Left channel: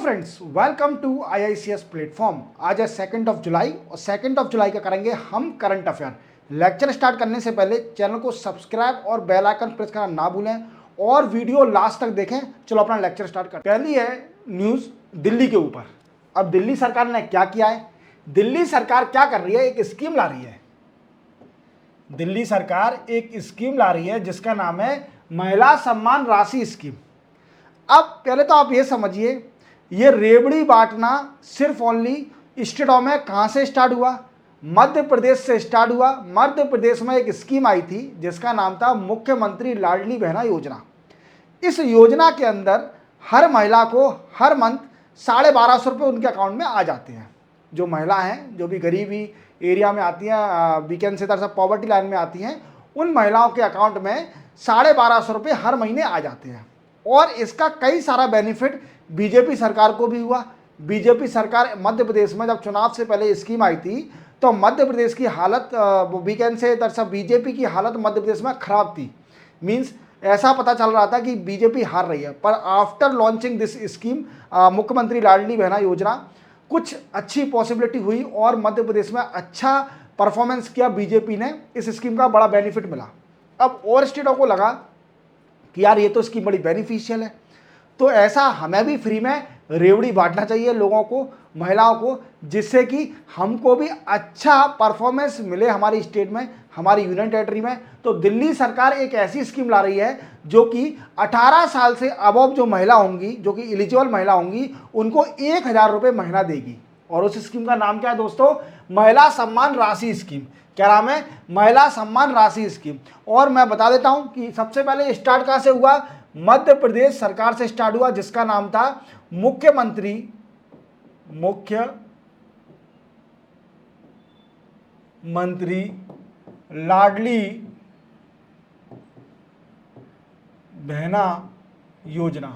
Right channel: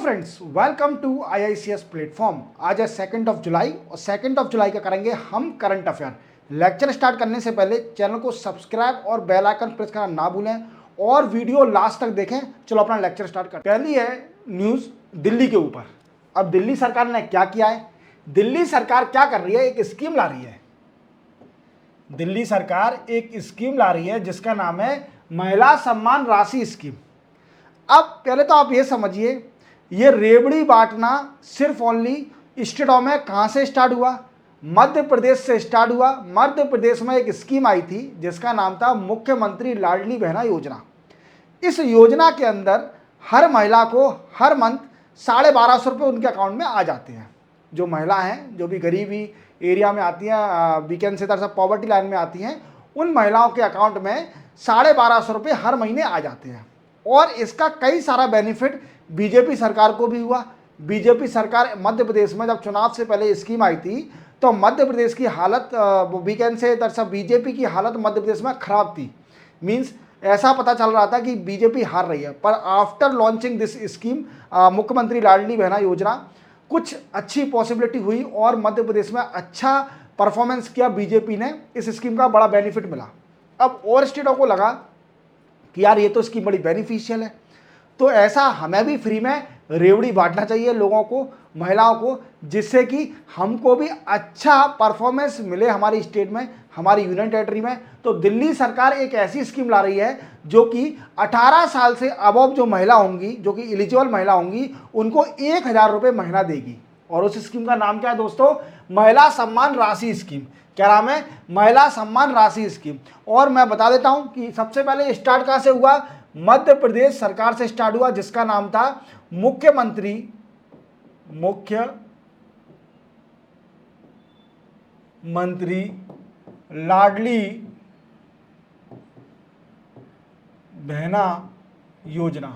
Friends, welcome to IICS platform. आज है 2 जुलाई और 2 जुलाई का करेंगे हम करंट अफेयर। लेक्चर स्टार्ट करने से पहले चैनल को सब्सक्राइब और बेल आइकन प्रेस करना ना भूलें और वीडियो लास्ट तक देखें। चलो अपना लेक्चर स्टार्ट करते हैं। पहली है न्यूज़ दिल्ली के ऊपर। अब दिल्ली सरकार ने क्या किया है? दिल्ली सरकार क्या कर रही है? एक स्कीम ला रही है। दिल्ली सरकार एक स्कीम ला रही है जिसका नाम है महिला सम्मान राशि स्कीम। अब पहले तो आप ये समझिए, ये रेवड़ी बांटना सिर्फ ओनली स्टेटों में कहाँ से स्टार्ट हुआ? मध्य प्रदेश से स्टार्ट हुआ। मध्य प्रदेश में एक स्कीम आई थी जिसका नाम था मुख्यमंत्री लाडली बहना योजना। इस योजना के अंदर हर महिला को हर मंथ 1250 रुपये उनके अकाउंट में आ जाते हैं। जो महिला हैं, जो भी गरीबी एरिया में आती हैं, वीकेंड से तरह पॉवर्टी लाइन में आती हैं, उन महिलाओं के अकाउंट में 1250 रुपये हर महीने आ जाते हैं। और इसका कई सारा बेनिफिट बीजेपी सरकार को भी हुआ। बीजेपी सरकार मध्य प्रदेश में जब चुनाव से पहले स्कीम आई थी तो मध्य प्रदेश की हालत वीकेंड से दरअसल बीजेपी की हालत मध्य प्रदेश में खराब थी। मींस ऐसा पता चल रहा था कि बीजेपी हार रही है। पर आफ्टर लॉन्चिंग दिस स्कीम मुख्यमंत्री लाडली बहना योजना, कुछ अच्छी पॉसिबिलिटी हुई और मध्य प्रदेश में अच्छा परफॉर्मेंस किया बीजेपी ने। इस स्कीम का बड़ा बेनिफिट मिला। अब और स्टेटों को लगा कि यार ये तो स्कीम बड़ी बेनिफिशियल है, तो ऐसा हमें भी फ्री में रेवड़ी बांटना चाहिए लोगों को, महिलाओं को, जिससे कि हमको भी अच्छा परफॉर्मेंस मिले हमारी स्टेट में, हमारी यूनियन टेरिटरी में। तो दिल्ली सरकार एक ऐसी स्कीम ला रही है जो कि 18 साल से अबव जो महिला होंगी, जो कि एलिजिबल महिला होंगी, उनको 1000 रुपये महीना देगी। और उस स्कीम का नाम क्या है दोस्तों? महिला सम्मान राशि स्कीम। क्या नाम है? महिला सम्मान राशि स्कीम। और मैं बता देता हूँ कि सबसे पहले स्टार्ट कैसे हुआ। मध्य प्रदेश सरकार से स्टार्ट हुआ जिसका नाम था मुख्यमंत्री लाडली बहना योजना।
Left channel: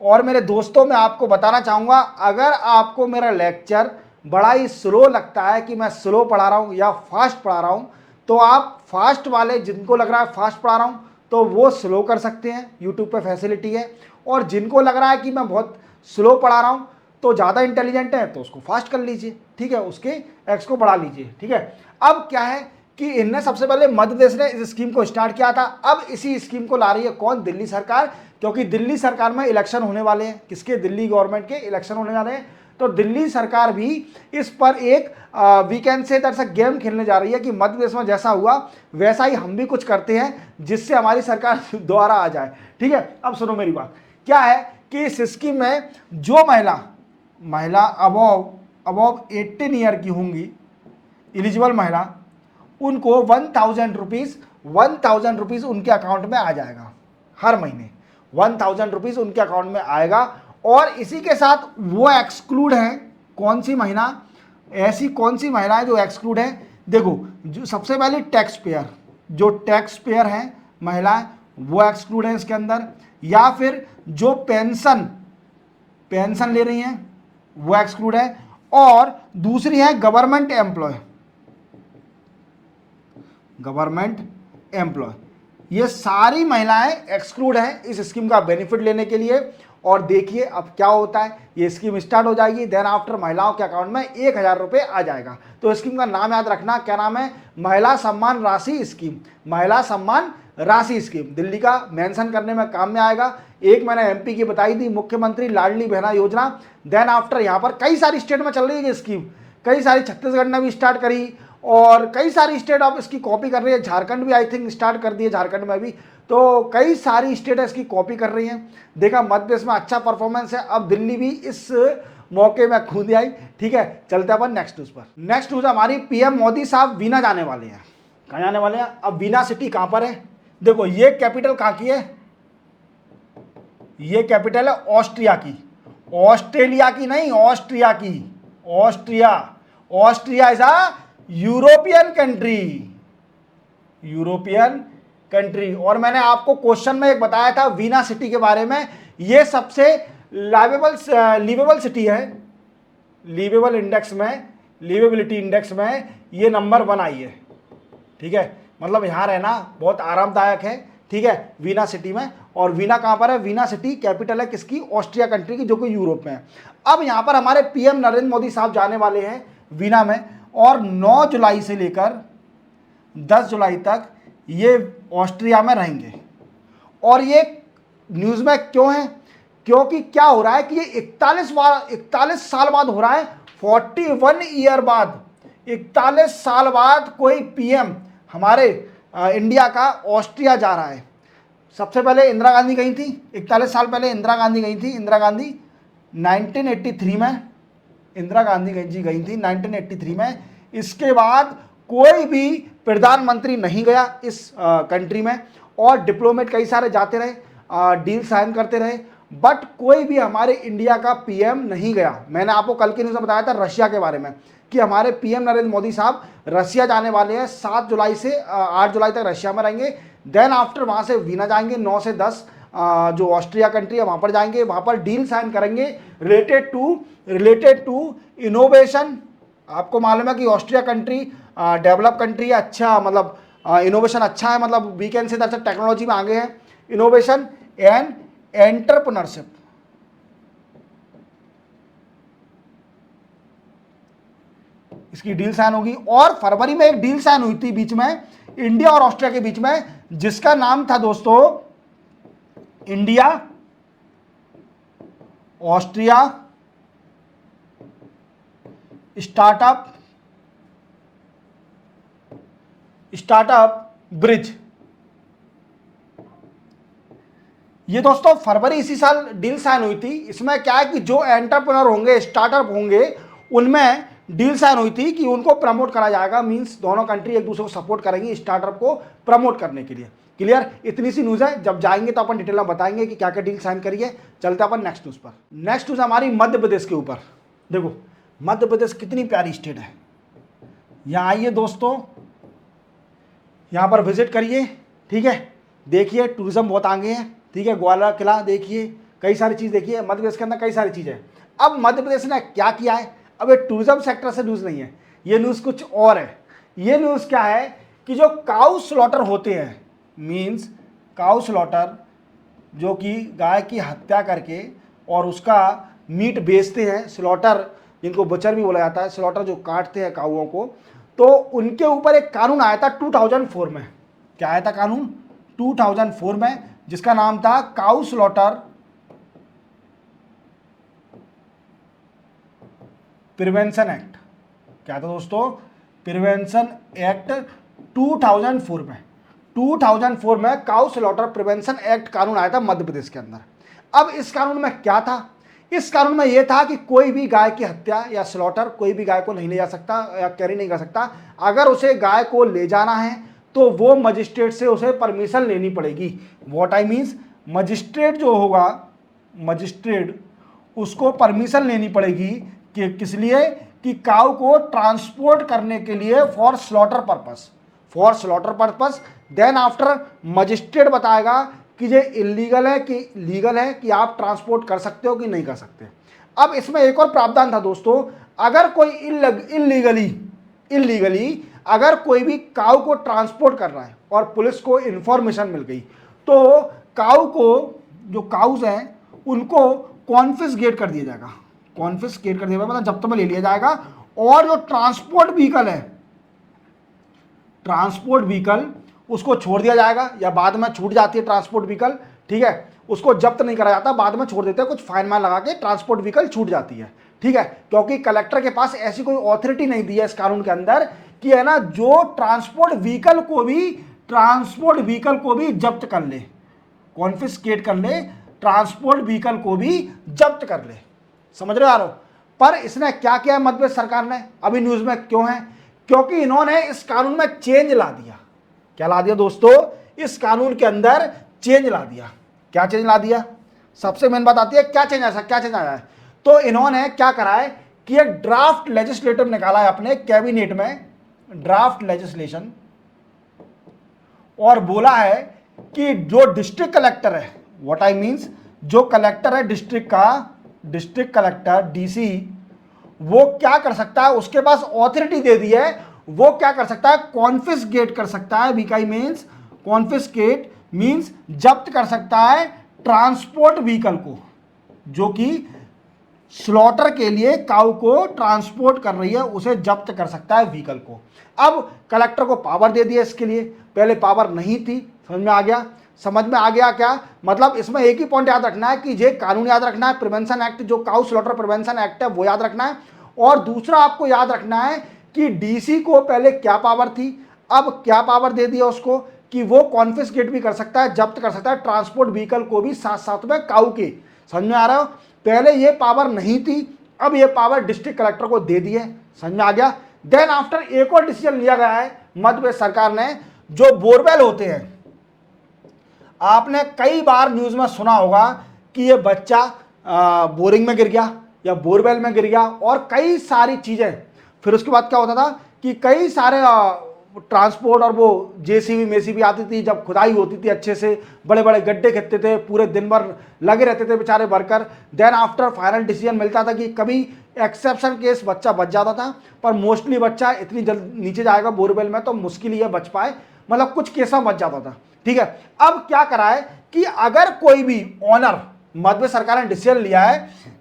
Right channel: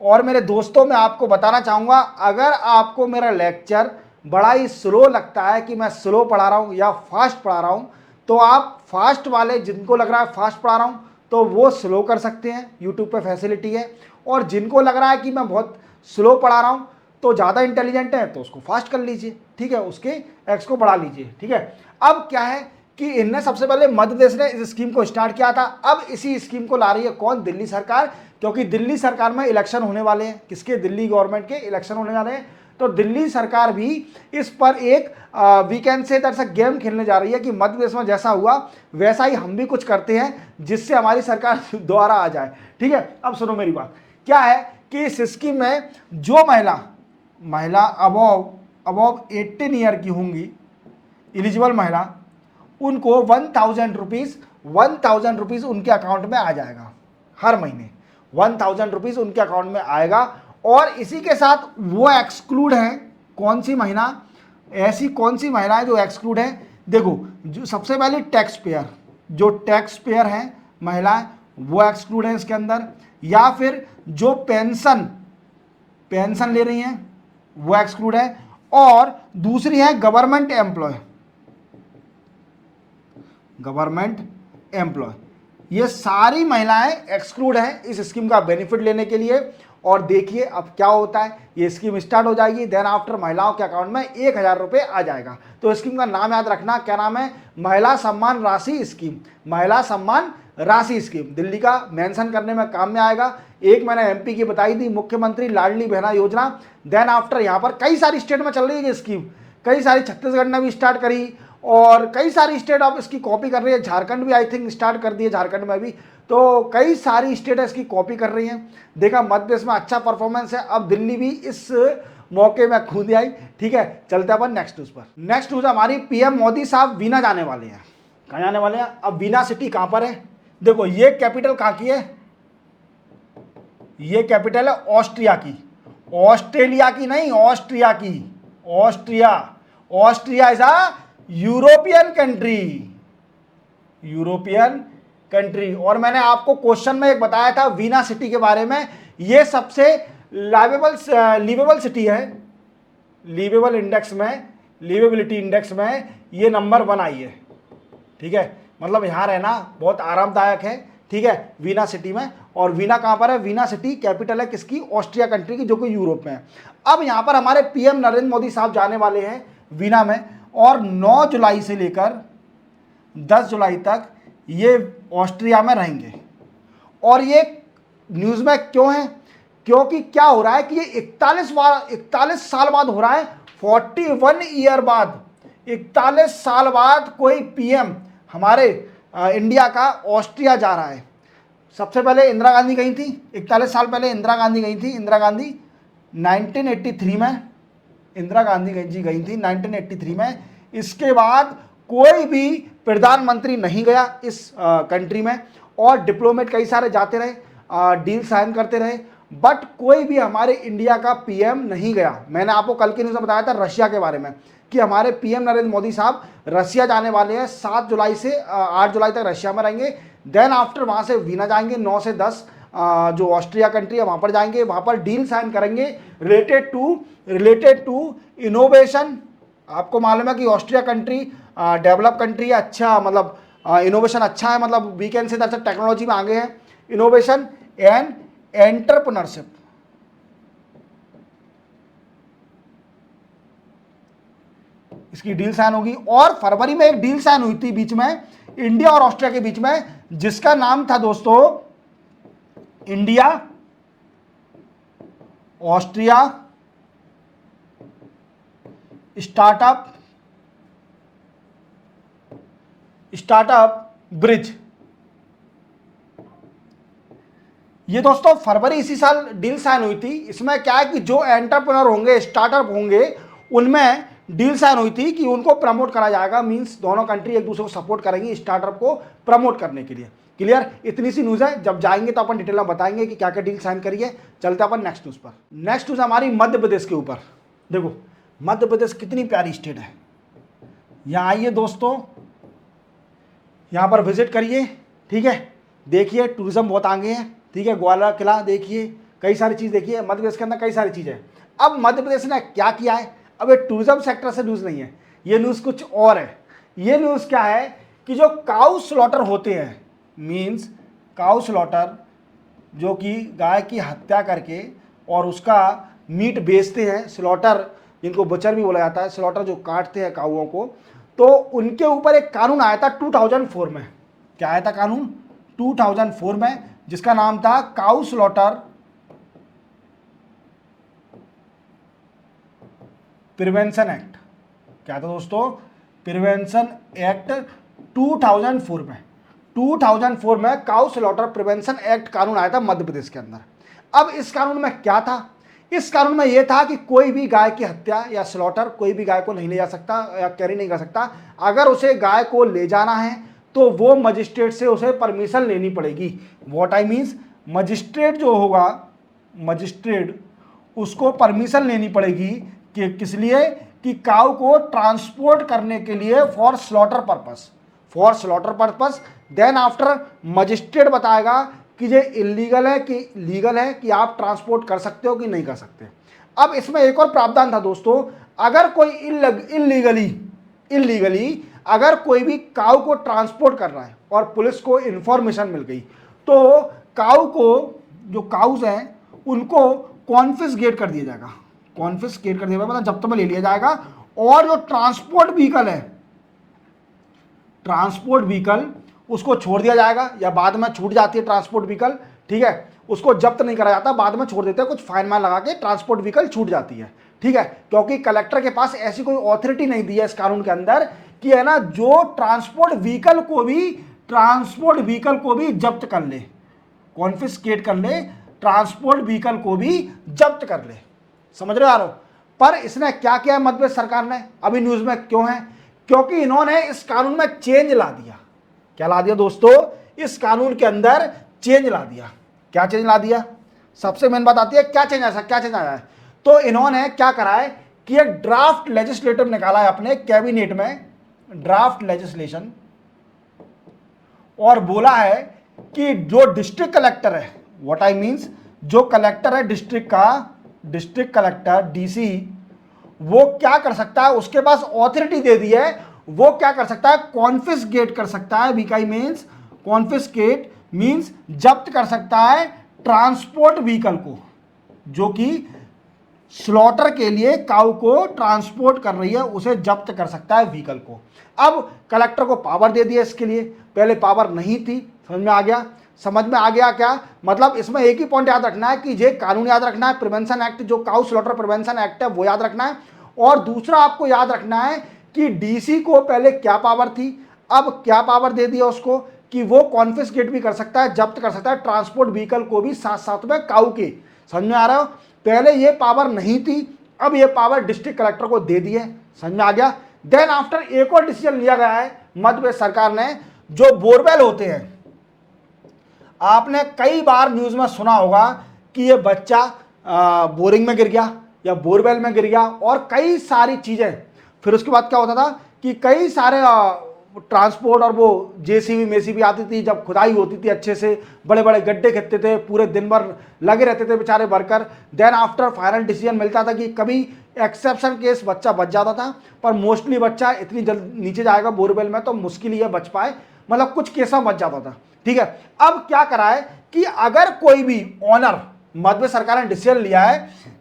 और मेरे दोस्तों, मैं आपको बताना चाहूंगा, अगर आपको मेरा लेक्चर बड़ा ही स्लो लगता है कि मैं स्लो पढ़ा रहा हूँ या फास्ट पढ़ा रहा हूँ, तो आप फास्ट वाले, जिनको लग रहा है फास्ट पढ़ा रहा हूँ, तो वो स्लो कर सकते हैं। यूट्यूब पे फैसिलिटी है। और जिनको लग रहा है कि मैं बहुत स्लो पढ़ा रहा हूँ, तो ज़्यादा इंटेलिजेंट है, तो उसको फास्ट कर लीजिए, ठीक है, उसके एक्स को बढ़ा लीजिए, ठीक है। अब क्या है कि इनने सबसे पहले मध्य प्रदेश ने इस स्कीम को स्टार्ट किया था। अब इसी स्कीम को ला रही है कौन? दिल्ली सरकार। क्योंकि दिल्ली सरकार में इलेक्शन होने वाले हैं। किसके? दिल्ली गवर्नमेंट के इलेक्शन होने वाले हैं। तो दिल्ली सरकार भी इस पर एक वीकेंड से दरअसल गेम खेलने जा रही है कि मध्य प्रदेश में जैसा हुआ वैसा ही हम भी कुछ करते हैं जिससे हमारी सरकार दोबारा आ जाए, ठीक है। अब सुनो मेरी बात। क्या है कि इस स्कीम में जो महिला अबव 18 ईयर की होंगी, एलिजिबल महिला, उनको 1000 रुपीज़ उनके अकाउंट में आ जाएगा हर महीने। 1000 रुपीज़ उनके अकाउंट में आएगा। और इसी के साथ वो एक्सक्लूड है। कौन सी महिला? ऐसी कौन सी महिलाएं जो एक्सक्लूड है? देखो, जो सबसे पहले टैक्स पेयर, जो टैक्स पेयर हैं महिलाएं, वो एक्सक्लूड है इसके अंदर। या फिर जो पेंशन ले रही हैं, वो एक्सक्लूड है। और दूसरी है गवर्नमेंट एम्प्लॉय। ये सारी महिलाएं एक्सक्लूड हैं इस स्कीम का बेनिफिट लेने के लिए। और देखिए अब क्या होता है, ये स्कीम स्टार्ट हो जाएगी, देन आफ्टर महिलाओं के अकाउंट में 1000 रुपये आ जाएगा। तो स्कीम का नाम याद रखना, क्या नाम है? महिला सम्मान राशि स्कीम। महिला सम्मान राशि स्कीम दिल्ली का मेंशन करने में काम में आएगा। एक मैंने MP की बताई थी, मुख्यमंत्री लाडली बहना योजना। देन आफ्टर यहाँ पर कई सारी स्टेट में चल रही है ये स्कीम। कई सारी, छत्तीसगढ़ ने भी स्टार्ट करी और कई सारी स्टेट अब इसकी कॉपी कर रही है। झारखंड भी आई थिंक स्टार्ट कर दी है, झारखंड में भी। तो कई सारी स्टेट इसकी कॉपी कर रही हैं। देखा मध्य प्रदेश में अच्छा परफॉर्मेंस है, अब दिल्ली भी इस मौके में कूद आई, ठीक है। चलते अपन नेक्स्ट न्यूज पर। नेक्स्ट न्यूज हमारी, PM मोदी साहब वीना जाने वाले हैं। कहाँ जाने वाले हैं? अब वीना सिटी कहाँ पर है? देखो, ये कैपिटल कहाँ की है? ये कैपिटल है ऑस्ट्रिया की। ऑस्ट्रेलिया की नहीं, ऑस्ट्रिया की। Austria is a European country. और मैंने आपको क्वेश्चन में एक बताया था वीना सिटी के बारे में। ये सबसे लिवेबल सिटी है। लिवेबिलिटी इंडेक्स में ये नंबर 1 आई है, ठीक है। मतलब यहाँ रहना बहुत आरामदायक है, ठीक है, वीना सिटी में। और वीना कहाँ पर है? वीना सिटी कैपिटल है किसकी? ऑस्ट्रिया कंट्री की, जो कि यूरोप में है। अब यहाँ पर हमारे पीएम नरेंद्र मोदी साहब जाने वाले हैं वीना में, और 9 जुलाई से लेकर 10 जुलाई तक ये ऑस्ट्रिया में रहेंगे। और ये न्यूज़ में क्यों है? क्योंकि क्या हो रहा है कि ये 41 साल बाद हो रहा है, 41 ईयर बाद, 41 साल बाद कोई पीएम हमारे इंडिया का ऑस्ट्रिया जा रहा है। सबसे पहले इंदिरा गांधी गई थी, 41 साल पहले इंदिरा गांधी गई थी। इंदिरा गांधी 1983 में इंदिरा गांधी जी गई थी 1983 में। इसके बाद कोई भी प्रधानमंत्री नहीं गया इस कंट्री में, और डिप्लोमेट कई सारे जाते रहे, डील साइन करते रहे, बट कोई भी हमारे इंडिया का पीएम नहीं गया। मैंने आपको कल के न्यूज़ में बताया था रशिया के बारे में कि हमारे पीएम नरेंद्र मोदी साहब रशिया जाने वाले हैं। 7 जुलाई से 8 जुलाई तक रशिया में रहेंगे। देन आफ्टर वहाँ से वीना जाएंगे, 9 से 10 जो ऑस्ट्रिया कंट्री है वहाँ पर जाएंगे, वहाँ पर डील साइन करेंगे रिलेटेड टू इनोवेशन। आपको मालूम है कि ऑस्ट्रिया कंट्री डेवलप कंट्री है, अच्छा मतलब इनोवेशन अच्छा है, मतलब वी कैन से दर्शक टेक्नोलॉजी में आगे है, इनोवेशन एंड एंटरप्रेन्योरशिप। इसकी डील साइन होगी। और फरवरी में एक डील साइन हुई थी बीच में इंडिया और ऑस्ट्रिया के बीच में, जिसका नाम था दोस्तों इंडिया ऑस्ट्रिया स्टार्टअप ब्रिज। ये दोस्तों फरवरी इसी साल डील साइन हुई थी। इसमें क्या है कि जो एंटरप्रेन्योर होंगे, स्टार्टअप होंगे, उनमें डील साइन हुई थी कि उनको प्रमोट करा जाएगा। मींस दोनों कंट्री एक दूसरे को सपोर्ट करेंगी स्टार्टअप को प्रमोट करने के लिए। क्लियर? इतनी सी न्यूज़ है, जब जाएंगे तो अपन डिटेल में बताएंगे कि क्या क्या डील साइन करिए। चलते अपन नेक्स्ट न्यूज़ पर। नेक्स्ट न्यूज़ हमारी मध्य प्रदेश के ऊपर। देखो मध्य प्रदेश कितनी प्यारी स्टेट है। यहाँ आइए दोस्तों, यहाँ पर विजिट करिए, ठीक है, देखिए टूरिज्म बहुत आगे है, ठीक है, ग्वालियर किला देखिए, कई सारी चीज़ देखिए। मध्य प्रदेश के अंदर कई सारी चीज़ें हैं। अब मध्य प्रदेश ने क्या किया है? अब ये टूरिज्म सेक्टर से न्यूज़ नहीं है, ये न्यूज़ कुछ और है। ये न्यूज़ क्या है कि जो काउ स्लॉटर होते हैं, मीन्स काउ स्लॉटर, जो कि गाय की हत्या करके और उसका मीट बेचते हैं, स्लॉटर जिनको बचर भी बोला जाता है, स्लॉटर जो काटते हैं काउओं को, तो उनके ऊपर एक कानून आया था 2004 में। क्या आया था कानून? 2004 में, जिसका नाम था काउ स्लॉटर प्रिवेंशन एक्ट। क्या था दोस्तों? प्रिवेंशन एक्ट 2004 में। 2004 में काउ स्लॉटर प्रिवेंशन एक्ट कानून आया था मध्य प्रदेश के अंदर। अब इस कानून में क्या था? इस कानून में यह था कि कोई भी गाय की हत्या या स्लॉटर, कोई भी गाय को नहीं ले जा सकता या कैरी नहीं कर सकता। अगर उसे गाय को ले जाना है तो वो मजिस्ट्रेट से उसे परमिशन लेनी पड़ेगी। व्हाट आई मीन्स, मजिस्ट्रेट जो होगा, मजिस्ट्रेट उसको परमिशन लेनी पड़ेगी कि किस लिए? कि काऊ को ट्रांसपोर्ट करने के लिए for slaughter purpose. Then after magistrate बताएगा कि ये इलीगल है कि लीगल है, कि आप ट्रांसपोर्ट कर सकते हो कि नहीं कर सकते। अब इसमें एक और प्रावधान था दोस्तों, अगर कोई इलीगली अगर कोई भी काऊ को ट्रांसपोर्ट कर रहा है और पुलिस को इंफॉर्मेशन मिल गई, तो काऊ को, जो काउज हैं उनको कॉन्फिस्केट कर दिया जाएगा। कॉन्फिस्केट कर दिया जाएगा मतलब जब्त में ले लिया जाएगा। और जो ट्रांसपोर्ट व्हीकल है, ट्रांसपोर्ट व्हीकल उसको छोड़ दिया जाएगा, या बाद में छूट जाती है ट्रांसपोर्ट व्हीकल, ठीक है, उसको जब्त नहीं करा जाता, बाद में छोड़ देते हैं, कुछ फाइन माइन लगा के ट्रांसपोर्ट व्हीकल छूट जाती है, ठीक है। क्योंकि कलेक्टर के पास ऐसी कोई ऑथोरिटी नहीं दी है इस कानून के अंदर कि है ना, जो ट्रांसपोर्ट व्हीकल को भी जब्त कर ले, कॉन्फिस्केट कर ले, ट्रांसपोर्ट व्हीकल को भी जब्त कर ले। समझ रहे हो यारो? पर इसने क्या किया मध्य प्रदेश सरकार ने? अभी न्यूज में क्यों है? क्योंकि इन्होंने इस कानून में चेंज ला दिया। क्या ला दिया दोस्तों? इस कानून के अंदर चेंज ला दिया। क्या चेंज ला दिया? सबसे मेन बात आती है क्या चेंज आया है। तो इन्होंने क्या करा है कि एक ड्राफ्ट लेजिस्लेटिव निकाला है अपने कैबिनेट में, ड्राफ्ट लेजिस्लेशन, और बोला है कि जो डिस्ट्रिक्ट कलेक्टर है, व्हाट आई मीन्स, जो कलेक्टर है डिस्ट्रिक्ट का, डिस्ट्रिक्ट कलेक्टर डीसी, वो क्या कर सकता है, उसके पास ऑथोरिटी दे दी है, वो क्या कर सकता है, कॉन्फिस्केट कर सकता है। वीकाई मीन्स कॉन्फिस्केट मींस जब्त कर सकता है ट्रांसपोर्ट व्हीकल को, जो कि स्लॉटर के लिए काऊ को ट्रांसपोर्ट कर रही है, उसे जब्त कर सकता है व्हीकल को। अब कलेक्टर को पावर दे दिया इसके लिए, पहले पावर नहीं थी। समझ में आ गया? समझ में आ गया क्या? मतलब इसमें एक ही पॉइंट याद रखना है कि ये कानून याद रखना है, प्रिवेंशन एक्ट, जो काऊ स्लॉटर प्रिवेंशन एक्ट है वो याद रखना है। और दूसरा आपको याद रखना है कि डीसी को पहले क्या पावर थी, अब क्या पावर दे दिया उसको कि वो कॉन्फिस्केट भी कर सकता है, जब्त कर सकता है ट्रांसपोर्ट व्हीकल को भी साथ साथ में काऊ के। समझ में आ रहा हो? पहले ये पावर नहीं थी, अब ये पावर डिस्ट्रिक्ट कलेक्टर को दे दिए। समझ में आ गया? देन आफ्टर एक और डिसीजन लिया गया है मध्य प्रदेश सरकार ने, जो बोरवेल होते हैं, आपने कई बार न्यूज में सुना होगा कि ये बच्चा बोरिंग में गिर गया या बोरवेल में गिर गया और कई सारी चीजें। फिर उसके बाद क्या होता था कि कई सारे ट्रांसपोर्ट और वो जेसीबी मेसीबी आती थी, जब खुदाई होती थी अच्छे से, बड़े बड़े गड्ढे खिंचते थे, पूरे दिन भर लगे रहते थे बेचारे worker. Then after final decision मिलता था कि कभी एक्सेप्शन केस बच्चा बच जाता था, पर मोस्टली बच्चा इतनी जल्द नीचे जाएगा बोरवेल में तो मुश्किल ही है बच पाए, मतलब कुछ केस में बच जाता था। ठीक है, अब क्या करा है कि अगर कोई भी ऑनर, मध्य सरकार ने डिसीजन लिया है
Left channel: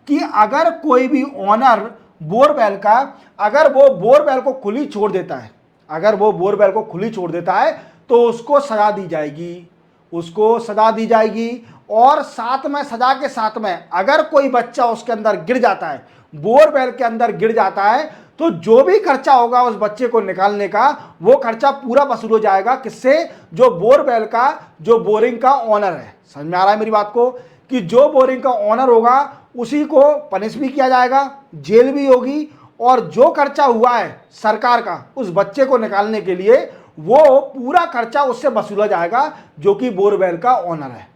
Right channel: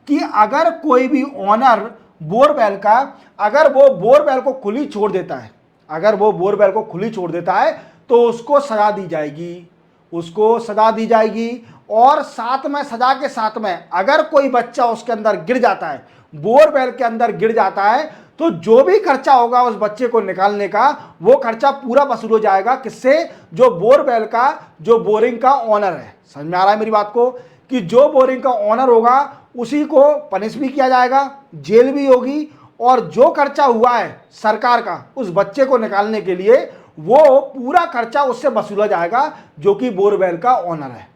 कि अगर कोई भी ऑनर बोरवेल का, अगर वो बोरवेल को खुली छोड़ देता है, अगर वो बोरवेल को खुली छोड़ देता है तो उसको सजा दी जाएगी, उसको सजा दी जाएगी। और साथ में सजा के साथ में अगर कोई बच्चा उसके अंदर गिर जाता है, बोरवेल के अंदर गिर जाता है, तो जो भी खर्चा होगा उस बच्चे को निकालने का, वो खर्चा पूरा वसूल हो जाएगा। किससे? जो बोरवेल का, जो बोरिंग का ऑनर है। समझ में आ रहा है मेरी बात को? कि जो बोरिंग का ऑनर होगा उसी को पनिश भी किया जाएगा, जेल भी होगी, और जो खर्चा हुआ है सरकार का उस बच्चे को निकालने के लिए, वो पूरा खर्चा उससे वसूला जाएगा जो कि बोरवेल का ऑनर है।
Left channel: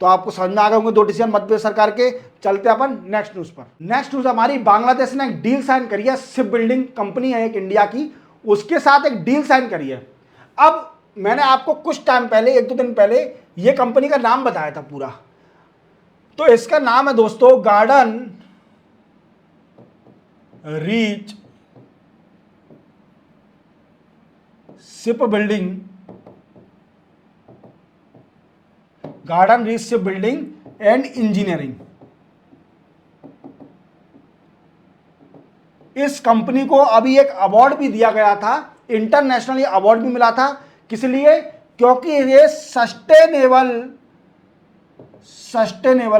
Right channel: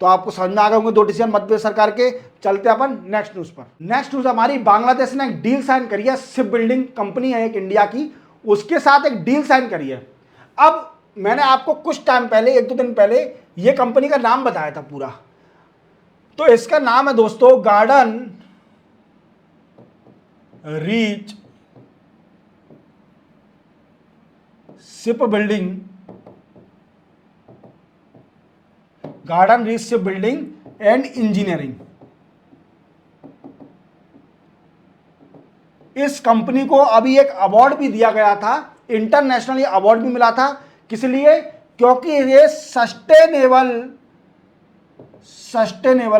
तो आपको समझ में आ गए होंगे दो डिसीजन मध्य प्रदेश सरकार के। चलते अपन नेक्स्ट न्यूज पर। नेक्स्ट न्यूज हमारी, बांग्लादेश ने एक डील साइन करी है, शिप बिल्डिंग कंपनी है एक इंडिया की, उसके साथ एक डील साइन करी है। अब मैंने आपको कुछ टाइम पहले, एक दो दिन पहले, ये कंपनी का नाम बताया था पूरा, तो इसका नाम है दोस्तों garden reach ship building, garden reach ship building and engineering. इस कंपनी को अभी एक अवार्ड भी दिया गया था, इंटरनेशनली अवार्ड भी मिला था। किस लिए? क्योंकि ये सस्टेनेबल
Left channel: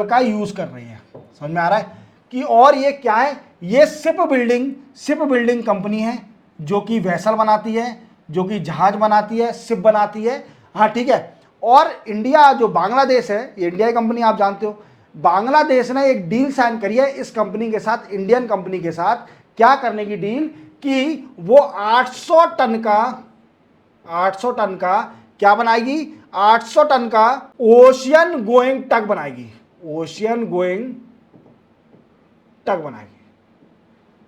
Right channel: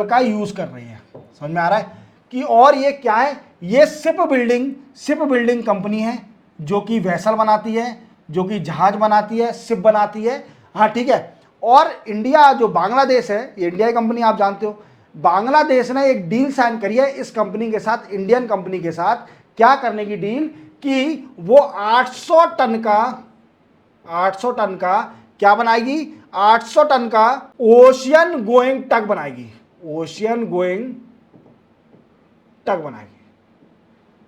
का यूज कर रही है। समझ में आ रहा है कि, और ये क्या है, ये शिप बिल्डिंग कंपनी है जो कि वेसल बनाती है, जो कि जहाज बनाती है, शिप बनाती है। हाँ ठीक है। और इंडिया, जो बांग्लादेश है, ये इंडिया की कंपनी आप जानते हो, बांग्लादेश ने एक डील साइन करी है इस कंपनी के साथ, इंडियन कंपनी के साथ। क्या करने की डील? कि वो 800 टन का क्या बनाएगी? 800 टन का ओशियन गोइंग टग बनाएगी, ओशियन गोइंग टग बनाएगी।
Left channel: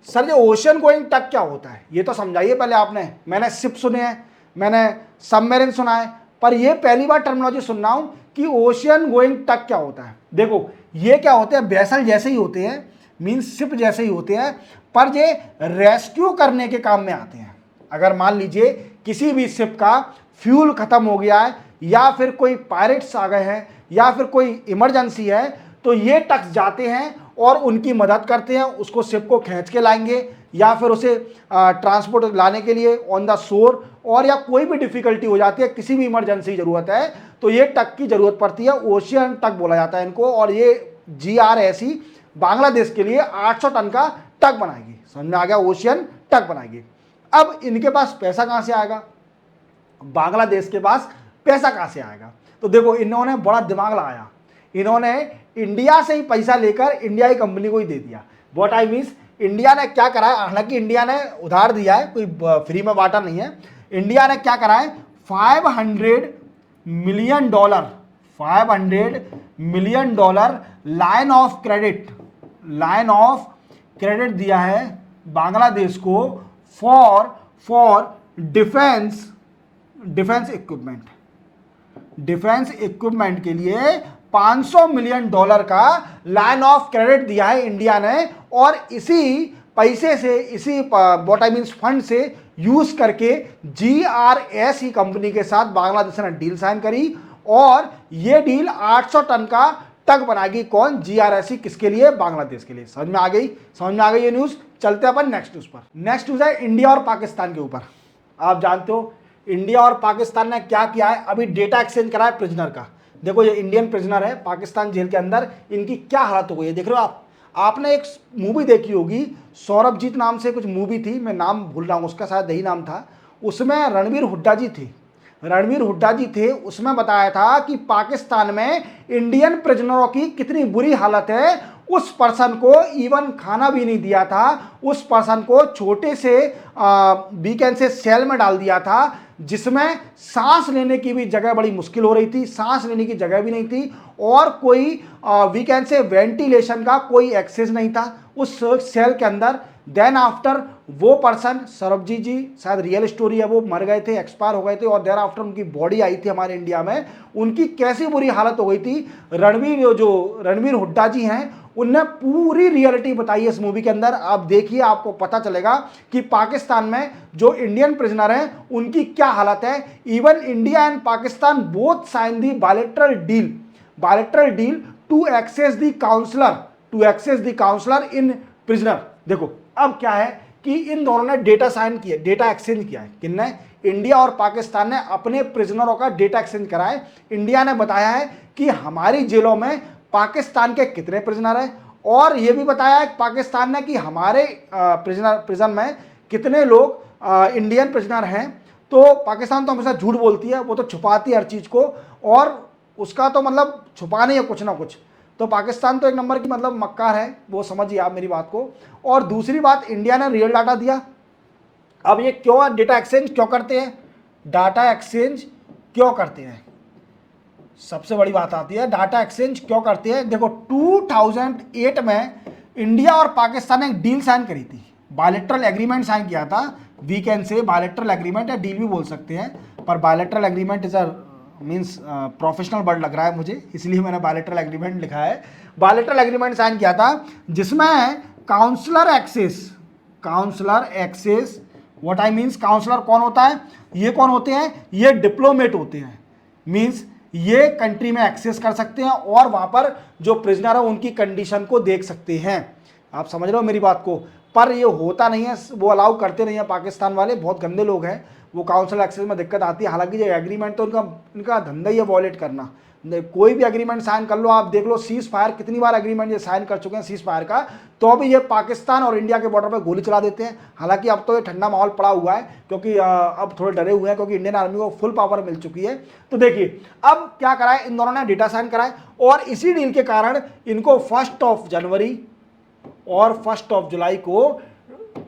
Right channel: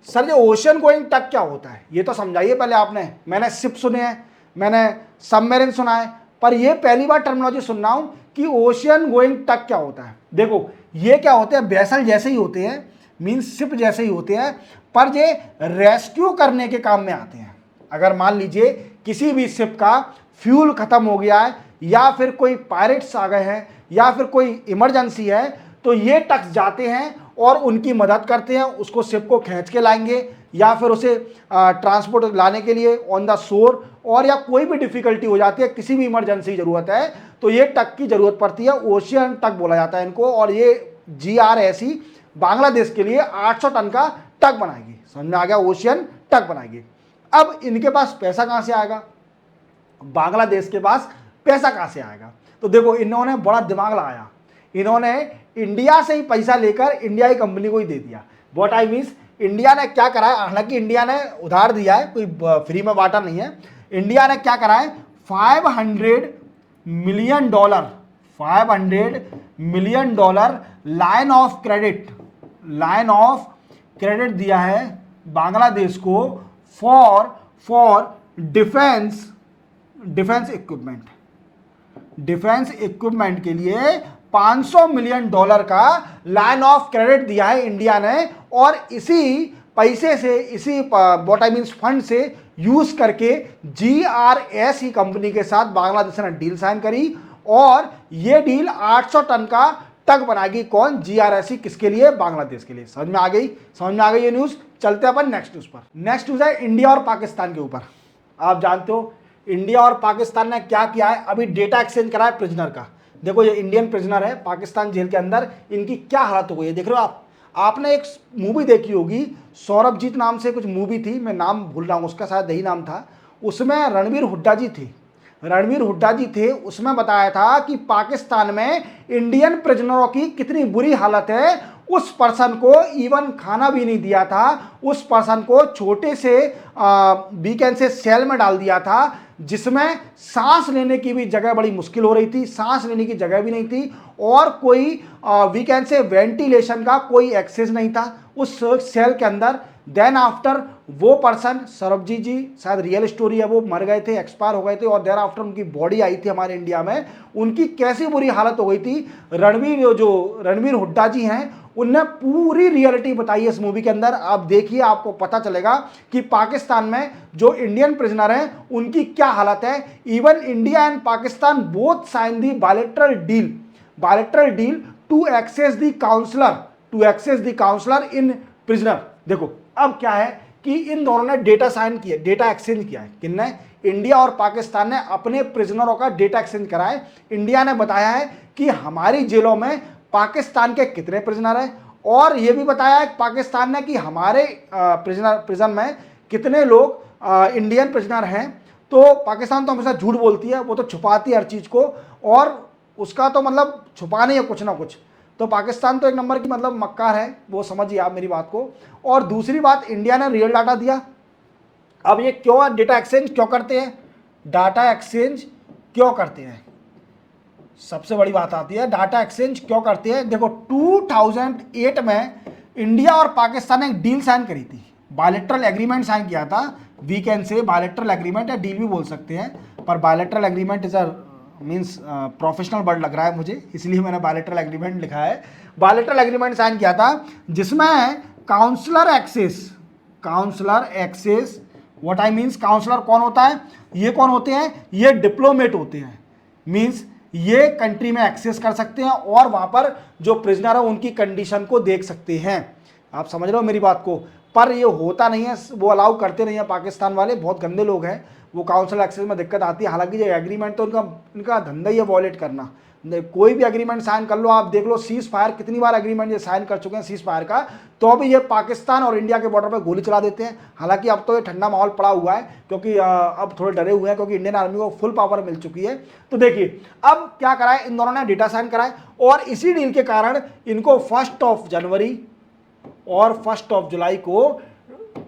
सर ये ओशियन गोइंग टग क्या होता है, ये तो समझाइए पहले आपने। मैंने शिप सुने हैं, मैंने सबमरीन सुना है, पर ये पहली बार टर्मिनोलॉजी सुन रहा हूं कि ओशियन गोइंग टग क्या होता है। देखो ये क्या होते हैं, वेसल जैसे ही होते हैं, मीन्स शिप जैसे ही होते हैं, पर ये रेस्क्यू करने के काम में आते हैं। अगर मान लीजिए किसी भी शिप का फ्यूल खत्म हो गया है, या फिर कोई पायरेट्स आ गए हैं, या फिर कोई इमरजेंसी है, तो ये टग जाते हैं और उनकी मदद करते हैं, उसको शिप को खींच के लाएंगे, या फिर उसे ट्रांसपोर्ट लाने के लिए ऑन द शोर, और या कोई भी डिफिकल्टी हो जाती है, किसी भी इमरजेंसी ज़रूरत है, तो ये टग की ज़रूरत पड़ती है। ओशियन टग बोला जाता है इनको। और ये GRSE बांग्लादेश के लिए 800 टन का टग बनाएगी। समझ में आ गया? ओशियन टग बनाएगी। अब इनके पास पैसा कहाँ से आएगा? बांग्लादेश के पास पैसा कहाँ से आएगा? तो देखो इन्होंने बड़ा दिमाग लगाया, इन्होंने इंडिया से ही पैसा लेकर इंडिया की कंपनी को ही दे दिया। व्हाट आई मीन्स, इंडिया ने क्या करा है, हालांकि इंडिया ने उधार दिया है, कोई फ्री में बांटा नहीं है। इंडिया ने क्या करा है, $500 मिलियन लाइन ऑफ क्रेडिट दिया है बांग्लादेश को फॉर डिफेंस इक्विपमेंट के लिए $500 मिलियन का लाइन ऑफ क्रेडिट दिया है इंडिया ने। और इसी पैसे से, इसी व्हाट आई मींस फंड से यूज करके GRSE कंपनी के साथ बांग्लादेश ने डील साइन करी। और ये डील 800 टन का टग बनाएगी। कौन? जीआरएससी। किसके लिए? बांग्लादेश के लिए। समझ में आ गई? समझ में आ गई ये न्यूज। चलते हैं अपन नेक्स्ट न्यूज पर। नेक्स्ट न्यूज है इंडिया और पाकिस्तान के ऊपर। आप जानते हो इंडिया और पाकिस्तान ने क्या किया है, अभी डेटा एक्सचेंज करा है प्रिजनर का। देखो ये इंडियन प्रिजनर है पाकिस्तान जेल के अंदर, इनकी क्या हालत हो गई है देख रहे हो आप। आपने एक मूवी देखी होगी, सौरभजीत नाम से कुछ मूवी थी, मैं नाम भूल रहा हूँ उसका, शायद यही नाम था। उसमें रणवीर हुड्डा जी थे, रणवीर हुड्डा जी थे। उसमें बताया था कि पाकिस्तान में इंडियन प्रिजनरों की कितनी बुरी हालत है। उस पर्सन को इवन खाना भी नहीं दिया था, उस पर्सन को छोटे से वीकेंड से सेल में डाल दिया था, जिसमें सांस लेने की भी जगह बड़ी मुश्किल हो रही थी, सांस लेने की जगह भी नहीं थी, और कोई वीकेंड से वेंटिलेशन का कोई एक्सेस नहीं था उस सेल के अंदर। देन आफ्टर वो पर्सन, सरबजीत जी, शायद रियल स्टोरी है, वो मर गए थे, एक्सपायर हो गए थे, और देन आफ्टर उनकी बॉडी आई थी हमारे इंडिया में। उनकी कैसी बुरी हालत हो गई थी। रणवीर हुड्डा जी हैं, उनने पूरी रियलिटी बताई है उस मूवी के अंदर। आप देखिए, आपको पता चलेगा कि पाकिस्तान में जो इंडियन प्रिजनर हैं उनकी क्या हालत है। Even India and Pakistan both sign the bilateral deal to access the counsellor in prisoner. देखो अब क्या है कि इन दोनों ने डेटा साइन किया, डेटा एक्सचेंज किया है। किसने? इंडिया और पाकिस्तान ने अपने प्रिजनरों का डेटा एक्सचेंज करा है। इंडिया ने बताया है कि हमारी जेलों में पाकिस्तान के कितने प्रिजनर हैं, और यह भी बताया है पाकिस्तान ने कि हमारे प्रिजन में कितने लोग इंडियन प्रिजनर हैं। तो पाकिस्तान तो हमेशा झूठ बोलती है, वो तो छुपाती है हर चीज़ को, और उसका तो मतलब छुपानी है कुछ ना कुछ। तो पाकिस्तान तो एक नंबर की मतलब मक्कार है, वो समझिए आप मेरी बात को। और दूसरी बात, इंडिया ने रियल डाटा दिया। अब ये क्यों डेटा एक्सचेंज क्यों करते हैं? डाटा एक्सचेंज क्यों करते हैं? सबसे बड़ी बात आती है डाटा एक्सचेंज क्यों करते हैं। देखो 2008 में इंडिया और पाकिस्तान ने एक डील साइन करी थी, बायलैटरल एग्रीमेंट साइन किया था। We can say bilateral agreement या डील भी बोल सकते हैं, पर bilateral agreement is a means professional word लग रहा है मुझे, इसलिए मैंने बायलैटरल एग्रीमेंट लिखा है। बायलैटरल एग्रीमेंट साइन किया था जिसमें counsellor access what I means, counsellor कौन होता है? ये कौन होते हैं? ये डिप्लोमेट होते हैं। मीन्स ये कंट्री में एक्सेस कर सकते हैं और वहां पर जो प्रिजनर है उनकी कंडीशन को देख सकते हैं। आप समझ रहे हो मेरी बात को? पर ये होता नहीं है, वो अलाउ करते नहीं है पाकिस्तान वाले, बहुत गंदे लोग हैं, वो काउंसिल एक्सेस में दिक्कत आती है। हालांकि ये एग्रीमेंट तो इनका धंधा ही है वॉयलेट करना। कोई भी एग्रीमेंट साइन कर लो, आप देख लो सीज फायर कितनी बार एग्रीमेंट ये साइन कर चुके हैं सीज फायर का, तो भी ये पाकिस्तान और इंडिया के बॉर्डर पर गोली चला देते हैं। हालांकि अब तो ये ठंडा माहौल पड़ा हुआ है, क्योंकि अब थोड़े डरे हुए हैं, क्योंकि इंडियन आर्मी को फुल पावर मिल चुकी है। तो देखिए अब क्या करा है, इन दोनों ने डेटा साइन करा है, और इसी डील के कारण इनको 1 जनवरी और 1 जुलाई को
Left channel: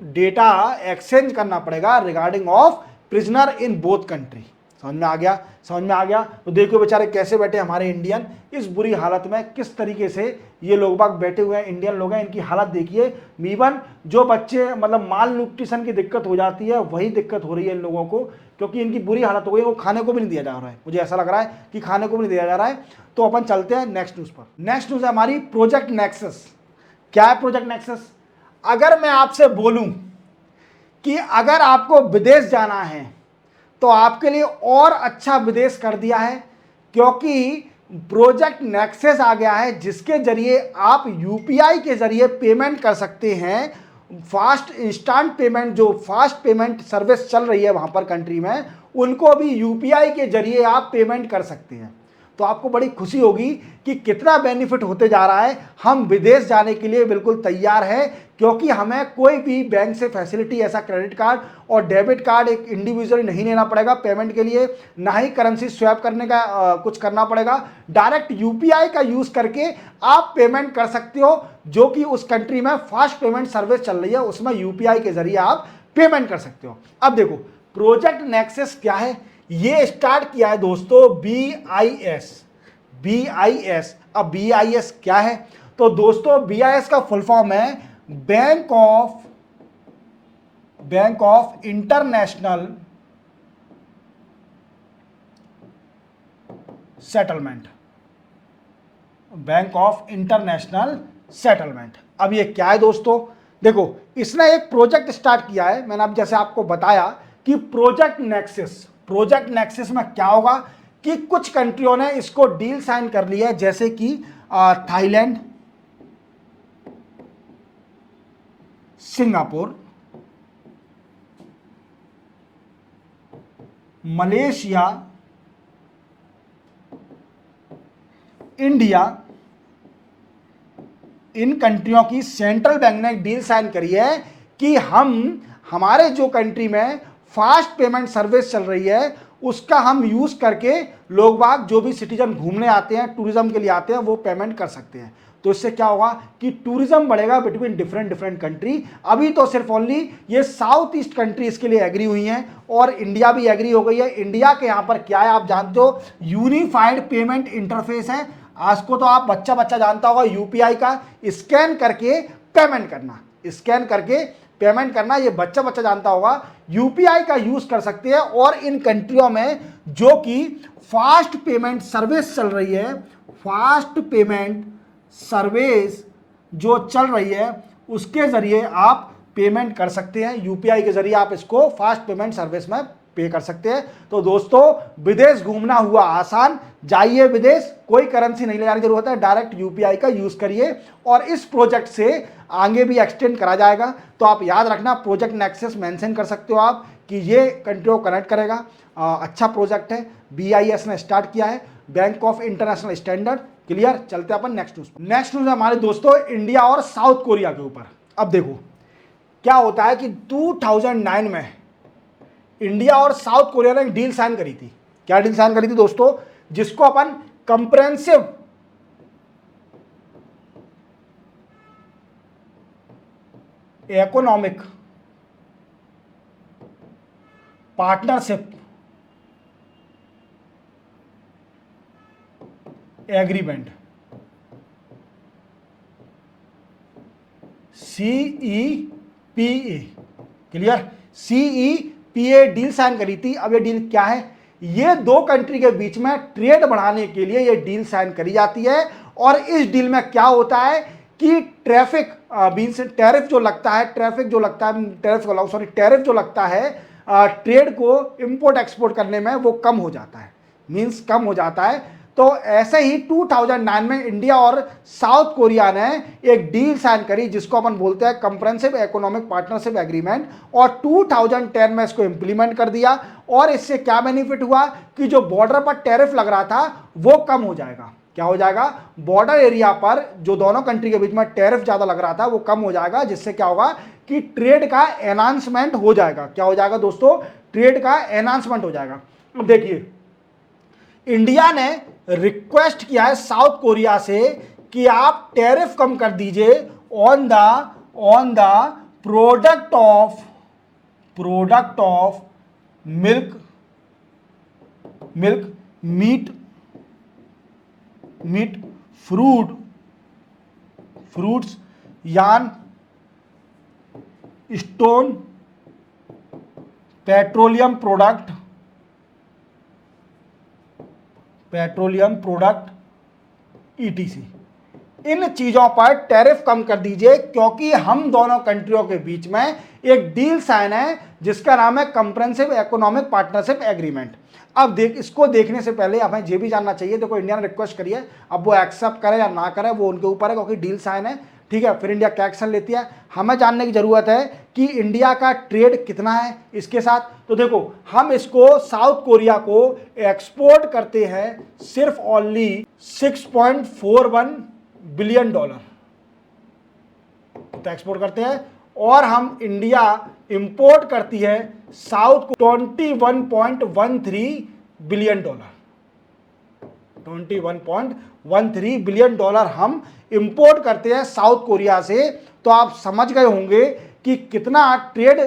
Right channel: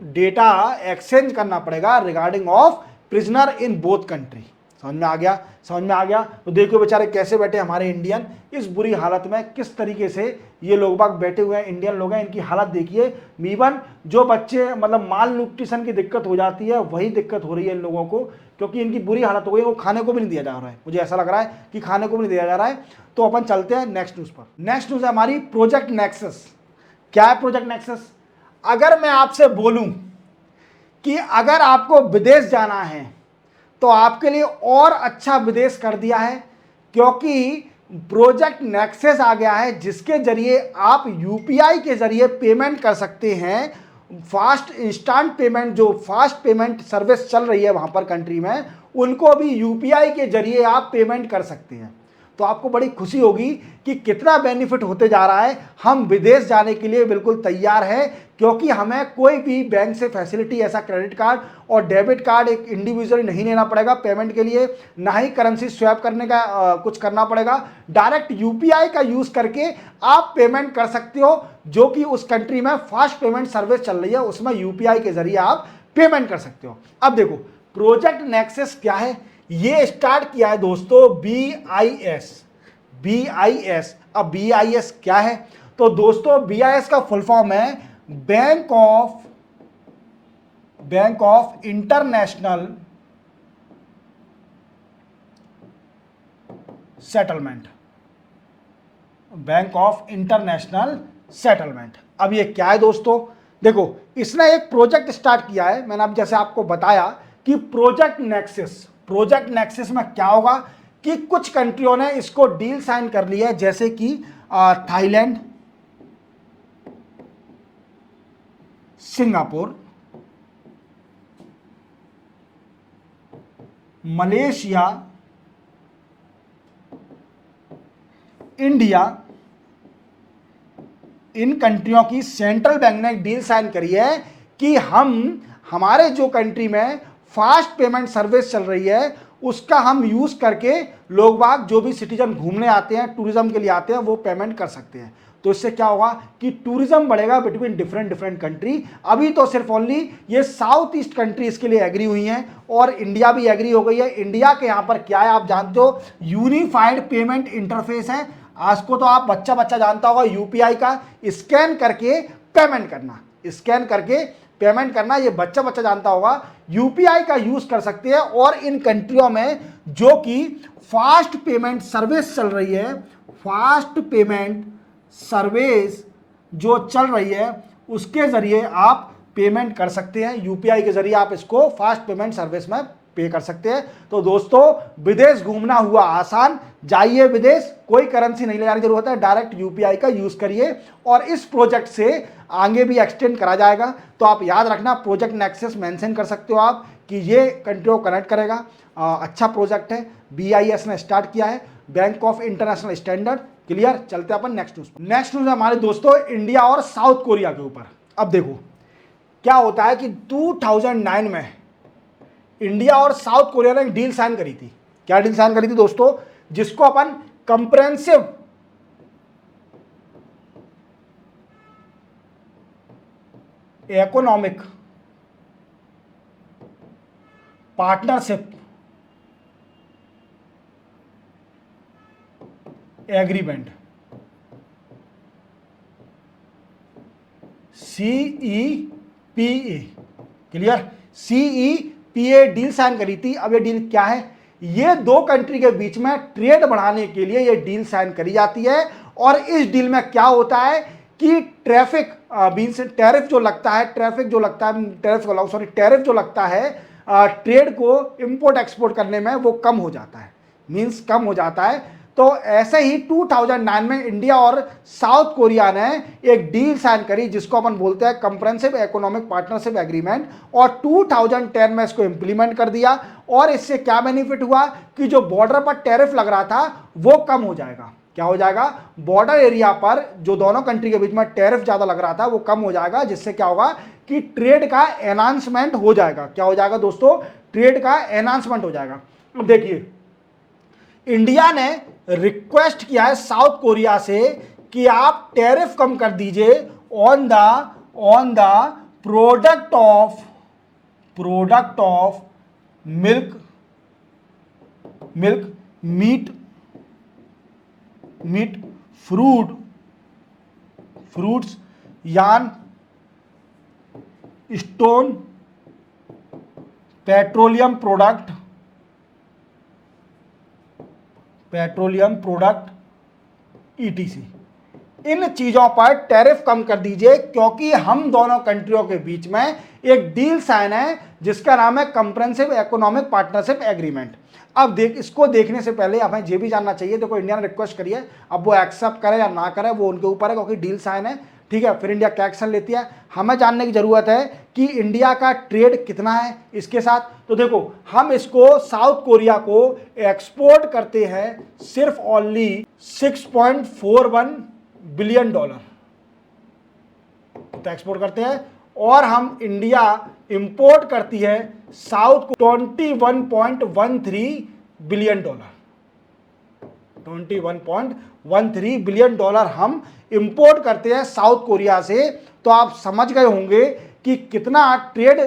डेटा एक्सचेंज करना पड़ेगा regarding of prisoner in both country. समझ में आ गया? समझ में आ गया? तो देखो बेचारे कैसे बैठे हमारे इंडियन इस बुरी हालत में, किस तरीके से ये लोग बाग बैठे हुए हैं, इंडियन लोग हैं, इनकी हालत देखिए। इवन जो बच्चे मतलब माल न्यूट्रिशन की दिक्कत हो जाती है, वही दिक्कत हो रही है इन लोगों को, क्योंकि इनकी बुरी हालत हो गई, वो खाने को भी नहीं दिया जा रहा है। मुझे ऐसा लग रहा है कि खाने को भी नहीं दिया जा रहा है। तो अपन चलते हैं नेक्स्ट न्यूज़ पर। नेक्स्ट न्यूज़ है हमारी प्रोजेक्ट नेक्सस। क्या है प्रोजेक्ट नेक्सस? अगर मैं आपसे बोलूं कि अगर आपको विदेश जाना है तो आपके लिए और अच्छा विदेश कर दिया है, क्योंकि प्रोजेक्ट नेक्सस आ गया है, जिसके जरिए आप यूपीआई के जरिए पेमेंट कर सकते हैं। फास्ट इंस्टेंट पेमेंट, जो फास्ट पेमेंट सर्विस चल रही है वहां पर कंट्री में, उनको भी यूपीआई के जरिए आप पेमेंट कर सकते हैं। तो आपको बड़ी खुशी होगी कि कितना बेनिफिट होते जा रहा है। हम विदेश जाने के लिए बिल्कुल तैयार है, क्योंकि हमें कोई भी बैंक से फैसिलिटी, ऐसा क्रेडिट कार्ड और डेबिट कार्ड एक इंडिविजुअली नहीं लेना पड़ेगा पेमेंट के लिए, ना ही करेंसी स्वैप करने का कुछ करना पड़ेगा। डायरेक्ट यूपीआई का यूज़ करके आप पेमेंट कर सकते हो, जो कि उस कंट्री में फास्ट पेमेंट सर्विस चल रही है, उसमें यूपीआई के जरिए आप पेमेंट कर सकते हो। अब देखो प्रोजेक्ट नेक्सस क्या है, ये स्टार्ट किया है दोस्तों BIS। अब BIS क्या है? तो दोस्तों BIS का फुल फॉर्म है bank of international settlement. Bank of international settlement. अब ये क्या है दोस्तों? देखो इसने एक प्रोजेक्ट स्टार्ट किया है, मैंने अब जैसे आपको बताया कि प्रोजेक्ट नेक्सस में क्या होगा कि कुछ कंट्रियों ने इसको डील साइन कर लिया है, जैसे कि थाईलैंड, सिंगापुर, मलेशिया, इंडिया। इन कंट्रियों की सेंट्रल बैंक ने डील साइन करी है कि हम हमारे जो कंट्री में फास्ट पेमेंट सर्विस चल रही है उसका हम यूज करके लोग बाग जो भी सिटीजन घूमने आते हैं, टूरिज्म के लिए आते हैं, वो पेमेंट कर सकते हैं। तो इससे क्या होगा कि टूरिज्म बढ़ेगा बिटवीन डिफरेंट डिफरेंट कंट्री। अभी तो सिर्फ ओनली ये साउथ ईस्ट कंट्री इसके लिए एग्री हुई हैं और इंडिया भी एग्री हो गई है। इंडिया के यहाँ पर क्या है आप जानते हो, यूनिफाइड पेमेंट इंटरफेस है। आज को तो आप बच्चा बच्चा जानता होगा यूपीआई का स्कैन करके पेमेंट करना, स्कैन करके पेमेंट करना, ये बच्चा बच्चा जानता होगा। यूपीआई का यूज कर सकते हैं और इन कंट्रियों में जो कि फास्ट पेमेंट सर्विस चल रही है, फास्ट पेमेंट सर्विस जो चल रही है उसके जरिए आप पेमेंट कर सकते हैं। यूपीआई के जरिए आप इसको फास्ट पेमेंट सर्विस में पे कर सकते हैं। तो दोस्तों विदेश घूमना हुआ आसान, जाइए विदेश, कोई करेंसी नहीं ले जाने की जरूरत है, डायरेक्ट यूपीआई का यूज करिए और इस प्रोजेक्ट से आगे भी एक्सटेंड करा जाएगा। तो आप याद रखना, प्रोजेक्ट नेक्सस मेंशन कर सकते हो आप कि ये कंट्री को कनेक्ट करेगा। अच्छा प्रोजेक्ट है, बीआईएस ने स्टार्ट किया है, bank of international standard. Clear, चलते हैं अपन नेक्स्ट न्यूज। नेक्स्ट न्यूज है हमारे दोस्तों इंडिया और साउथ कोरिया के ऊपर। अब देखो क्या होता है कि 2009 में इंडिया और साउथ कोरिया ने एक डील साइन करी थी। क्या डील साइन करी थी दोस्तों, जिसको अपन comprehensive economic partnership agreement, CEPA। Clear, CEPA deal sign करी थी। अब ये डील क्या है, ये दो कंट्री के बीच में ट्रेड बढ़ाने के लिए ये डील साइन करी जाती है। और इस डील में क्या होता है कि ट्रैफिक मींस टैरिफ जो लगता है, टैरिफ जो लगता है ट्रेड को इंपोर्ट एक्सपोर्ट करने में, वो कम हो जाता है, मींस कम हो जाता है। तो ऐसे ही 2009 में इंडिया और साउथ कोरिया ने एक डील साइन करी जिसको अपन बोलते हैं कंप्रेहेंसिव इकोनॉमिक पार्टनरशिप एग्रीमेंट, और 2010 में इसको इंप्लीमेंट कर दिया। और इससे क्या बेनिफिट हुआ कि जो बॉर्डर पर टैरिफ लग रहा था वो कम हो जाएगा। क्या हो जाएगा, बॉर्डर एरिया पर जो दोनों कंट्री के बीच में टैरिफ ज्यादा लग रहा था वो कम हो जाएगा, जिससे क्या होगा कि ट्रेड का एनहांसमेंट हो जाएगा। क्या हो जाएगा दोस्तों, ट्रेड का एनहांसमेंट हो जाएगा। देखिए इंडिया ने रिक्वेस्ट किया है साउथ कोरिया से कि आप टैरिफ कम कर दीजिए on the product of milk, meat, fruits, yam, stone, petroleum product ETC। इन चीजों पर टैरिफ कम कर दीजिए, क्योंकि हम दोनों कंट्रियों के बीच में एक डील साइन है जिसका नाम है कंप्रेहेंसिव इकोनॉमिक पार्टनरशिप एग्रीमेंट। अब इसको देखने से पहले हमें ये भी जानना चाहिए, देखो इंडिया ने रिक्वेस्ट करी है, अब वो एक्सेप्ट करे या ना करे वो उनके ऊपर है, क्योंकि डील साइन है। ठीक है, फिर इंडिया क्या एक्शन लेती है, हमें जानने की जरूरत है कि इंडिया का ट्रेड कितना है इसके साथ। तो देखो हम इसको साउथ कोरिया को एक्सपोर्ट करते हैं सिर्फ ओनली $6.41 बिलियन तो एक्सपोर्ट करते हैं, और हम इंडिया इंपोर्ट करती है साउथ को $21.13 बिलियन, $21.13 बिलियन हम इंपोर्ट करते हैं साउथ कोरिया से। तो आप समझ गए होंगे कि कितना ट्रेड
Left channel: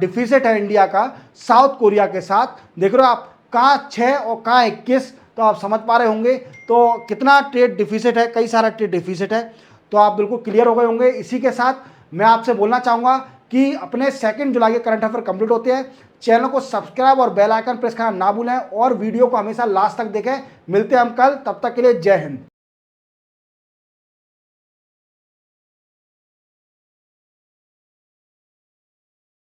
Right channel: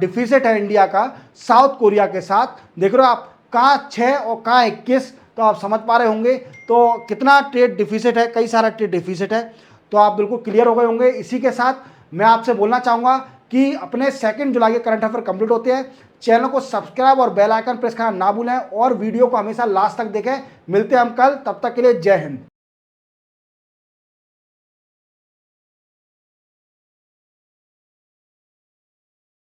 डिफिसिट है इंडिया का साउथ कोरिया के साथ। देख रहे हो आप, कहाँ 6 और कहाँ 21, तो आप समझ पा रहे होंगे तो कितना ट्रेड डिफिसिट है, कई सारा ट्रेड डिफिसिट है। तो आप बिल्कुल क्लियर हो गए होंगे। इसी के साथ मैं आपसे बोलना चाहूँगा कि अपने 2 जुलाई के करंट अफेयर कंप्लीट होते हैं। चैनल को सब्सक्राइब और बेल आइकन प्रेस करना ना भूलें और वीडियो को हमेशा लास्ट तक देखें। मिलते हैं हम कल, तब तक के लिए जय हिंद।